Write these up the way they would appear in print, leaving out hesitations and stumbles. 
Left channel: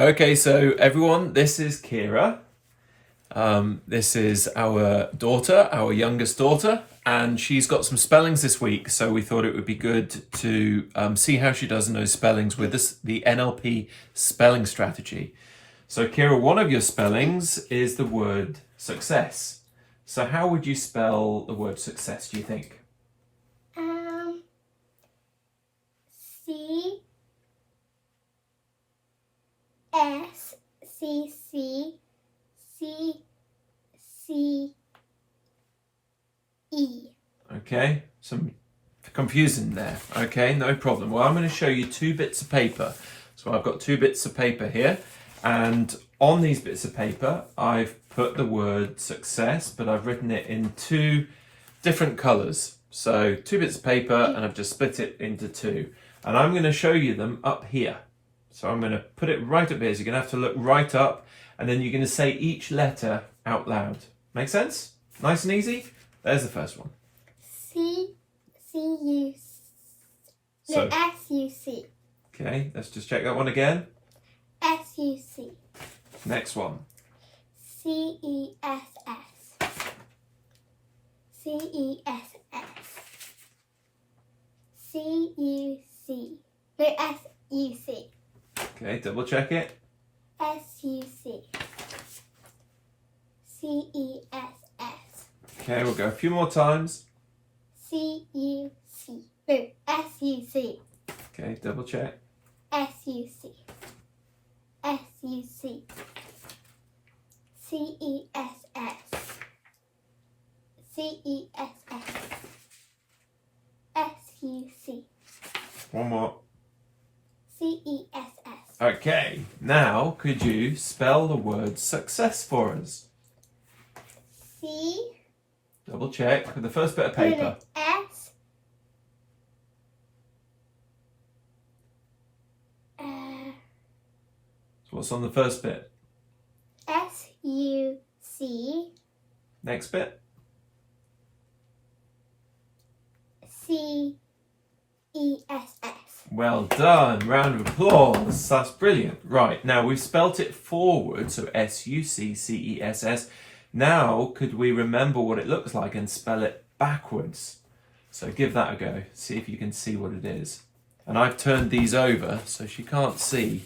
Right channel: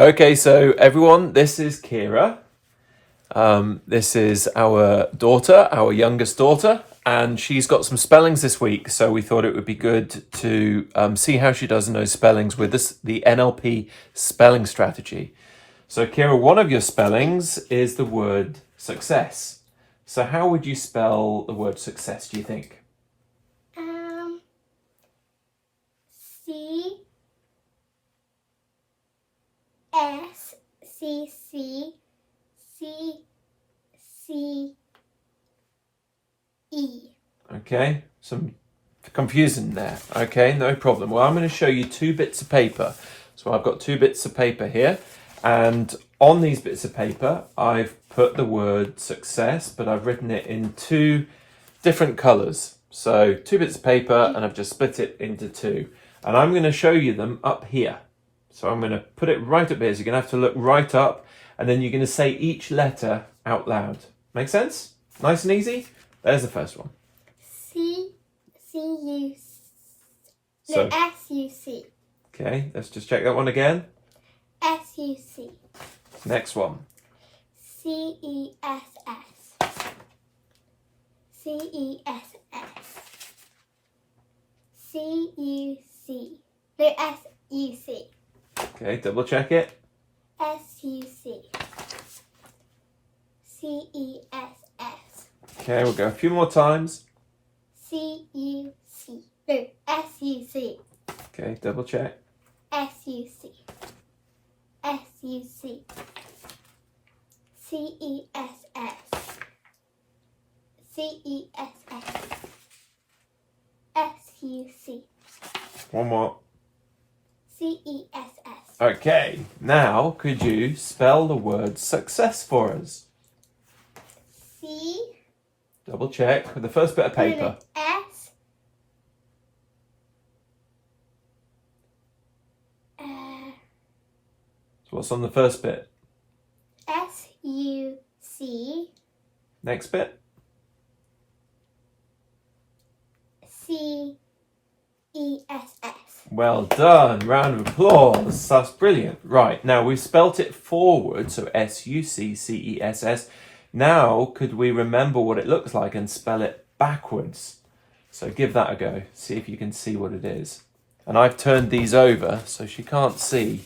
Okay, so everyone, this is Kira. This is our daughter, our youngest daughter, and she's got some spellings this week. So we thought it would be good to see how she does in those spellings with the NLP Spelling Strategy. So Kira, one of your spellings is the word success. So how would you spell the word success, do you think? C-C-C-C-E. Okay, some confusion there. Okay, no problem. Well, I'm going to show you two bits of paper. So I've got two bits of paper here, and on these bits of paper, I've put the word success, but I've written it in two different colors. So two bits of paper, and I've just split it into two. And I'm going to show you them up here. So I'm going to put it right up here. So you're going to have to look right up, and then you're going to say each letter out loud. Make sense? Nice and easy? There's the first one. C-C-U. So, S-U-C. okay, let's just check that one again. S-U-C. Next one. C-E-S-S. C-E-S-S. C-U-C. No, S-U-C. Okay, double check it. S-U-C. C-E-S-S. Okay, we'll go a few more times. C-U-C. No, S-U-C. Okay, double check. S-U-C. S-U-C. C-E-S-S. C-E-S-S. S-U-C. One more. C-E-S-S. Okay, now could you spell the word success for us? C. Double check with the first bit of paper. S. So what's on the first bit? S-U-C. Next bit? C-E-S-S. Well done. Round of applause. That's brilliant. Right, now we've spelt it forward, so S-U-C-C-E-S-S. Now, could we remember what it looks like and spell it backwards? So give that a go. See if you can see what it is. And I've turned these over so she can't see,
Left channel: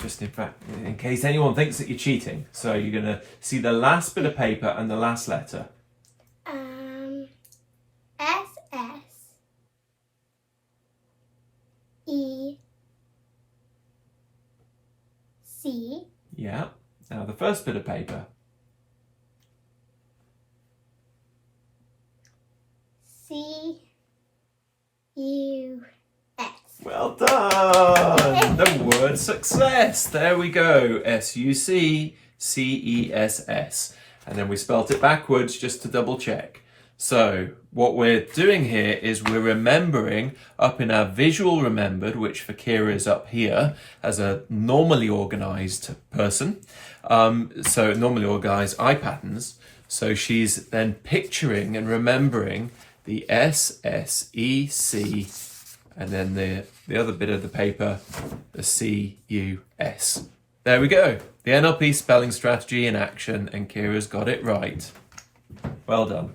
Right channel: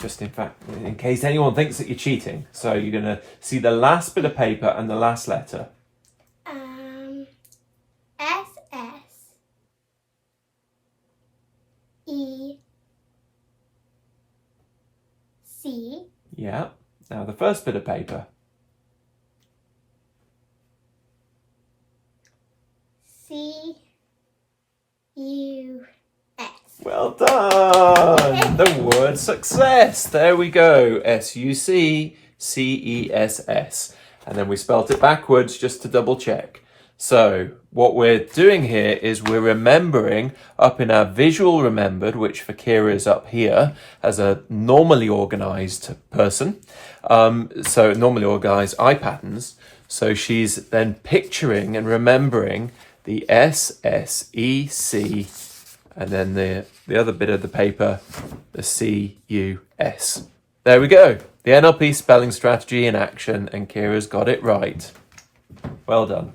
just in fact, in case anyone thinks that you're cheating. So you're going to see the last bit of paper and the last letter. S-S-E-C. Yeah. Now the first bit of paper. C-U-S. Well done! The word success. There we go. S-U-C-C-E-S-S. And then we spelt it backwards just to double check. So what we're doing here is we're remembering up in our visual remembered, which for Kira is up here as a normally organized person. So normally organized eye patterns. So she's then picturing and remembering the S, S, E, C, and then the other bit of the paper, the C, U, S. There we go. The NLP spelling strategy in action, and Kira's got it right. Well done.